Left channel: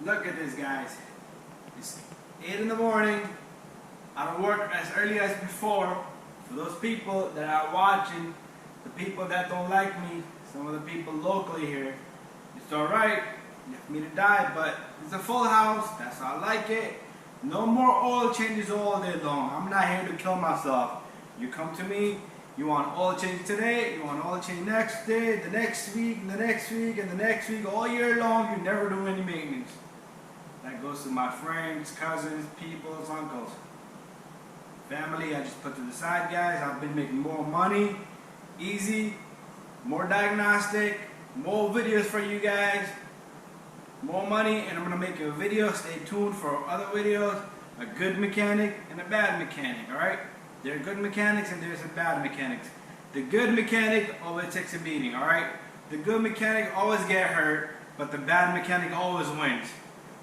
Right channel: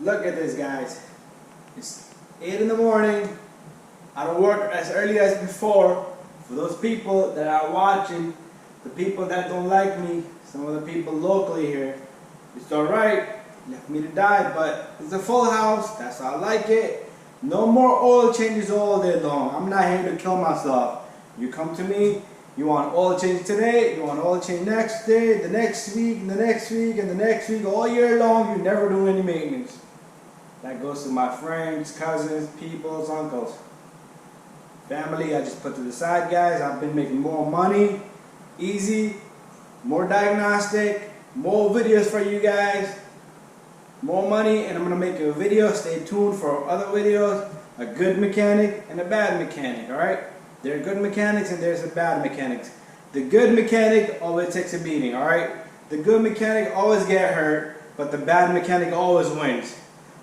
Look at this, guys. It's 8 in the morning. I don't work as early as before. For those people that are watching, the people that don't like me, some of the people locally here, it's alright. Left me to die, but it's a full house. That's how I like it. No more oil changes all day long. I'm not here to kill myself. You come to me, you want oil change today, you want oil change next day, the next week, and the next week, and the next week, all year long, you never do any maintenance. That goes to my friends, cousins, peoples, uncles. Family, I just put to the side, guys. I've been making more money, easy, more diagnostic, more videos for you guys, more money, and I'm gonna make a video. Stay tuned for other videos. A good mechanic and a bad mechanic, alright? There are good mechanics and there's a bad mechanics. The good mechanic always takes a beating, alright? The good mechanic always get hurt, but the bad mechanic always wins.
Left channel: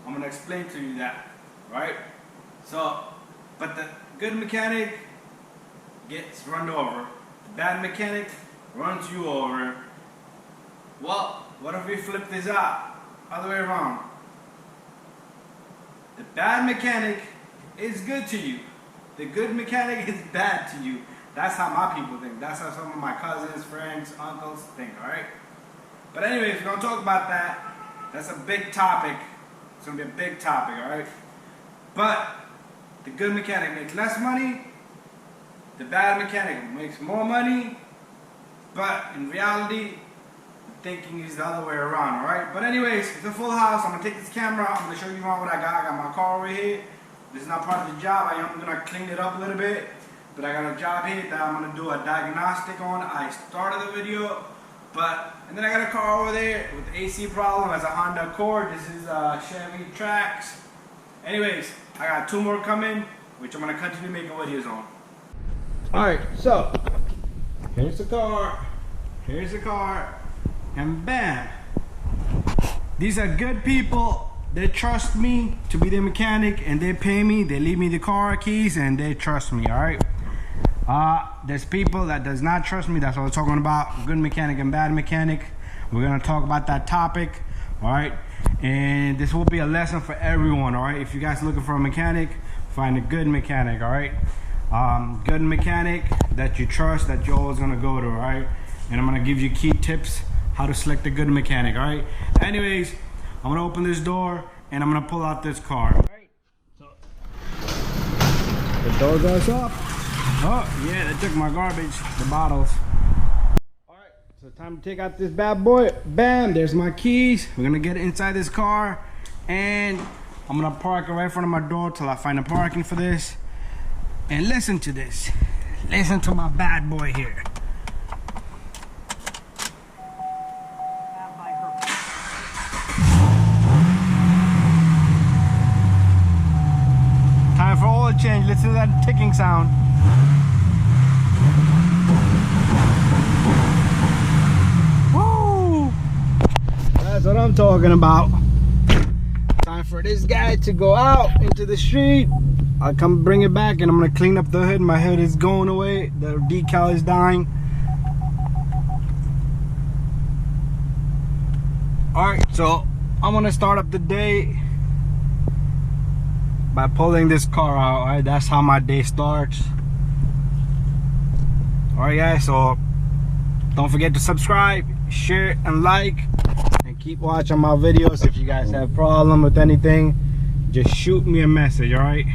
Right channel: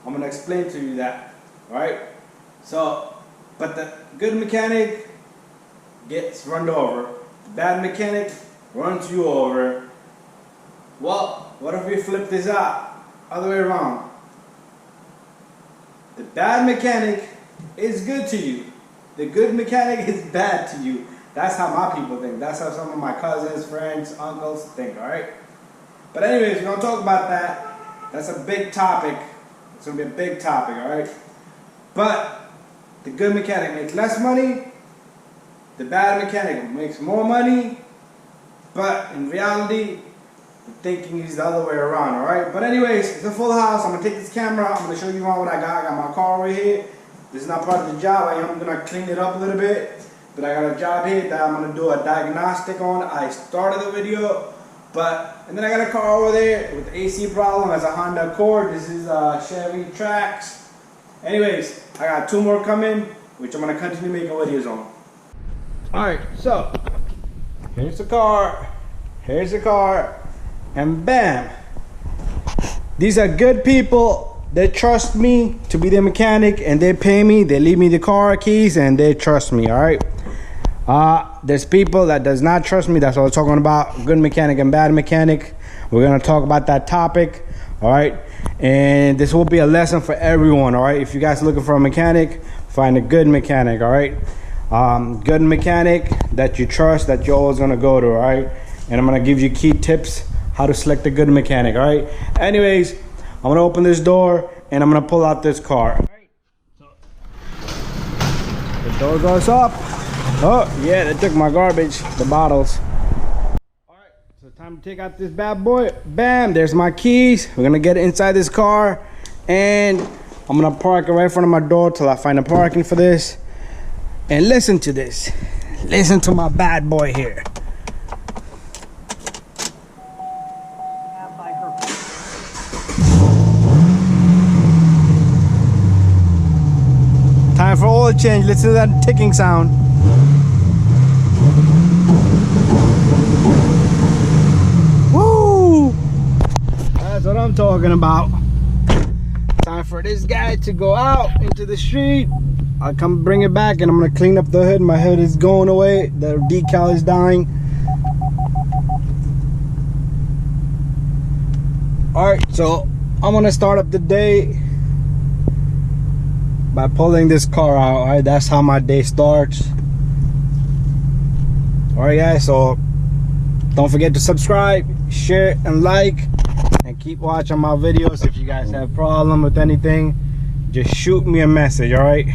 I'm gonna explain to you that, alright? So, but the good mechanic gets run over. The bad mechanic runs you over. Well, what if we flip this out? Other way around. The bad mechanic is good to you. The good mechanic is bad to you. That's how my people think. That's how some of my cousins, friends, uncles think, alright? But anyways, we're gonna talk about that. That's a big topic. It's gonna be a big topic, alright? But the good mechanic makes less money. The bad mechanic makes more money. But in reality, the thinking is the other way around, alright? But anyways, it's a full house. I'm gonna take this camera. I'm gonna show you around what I got. I got my car right here. This is not part of the job. I am gonna clean it up a little bit. But I got a job here that I'm gonna do a diagnostic on. I started the video, and then I got a car over there with the AC problem. As a Honda Accord. This is a Chevy Trax. Anyways, I got 2 more coming, which I'm gonna continue making videos on. Alright, so here's the car. Here's the car. And bam, these are good people. They trust me to be their mechanic, and they pay me. They leave me the car keys, and they trust me. All right. There's people that does not trust me. That's what we're talking about. Good mechanic and bad mechanic. We're gonna talk about that topic. All right. And this will be a lesson for everyone. All right. If you guys are looking for a mechanic, find a good mechanic. All right. Good mechanic that you trust, that you're always gonna go to. All right. And I'm gonna give you key tips how to select a good mechanic. All right. Anyways, I'm gonna open this door and I'm gonna pull out this car. All right. So the door goes up. Oh yeah, they took my garbage, the bottles. All right. So time to take out this bad boy. Bam. There's my keys. We're gonna get inside this car, and I'm gonna park it right in front of my door till I find a parking for this. And listen to this. Listen to my bad boy here. Time for oil change. Listen to that ticking sound. Woo! That's what I'm talking about. Time for this guy to go out into the street. I'll come bring it back, and I'm gonna clean up the hood. My hood is going away. The decal is dying. Alright, so I'm gonna start up the day by pulling this car out. Alright, that's how my day starts. Alright guys, so don't forget to subscribe, share, and like, and keep watching my videos. If you guys have a problem with anything, just shoot me a message. Alright.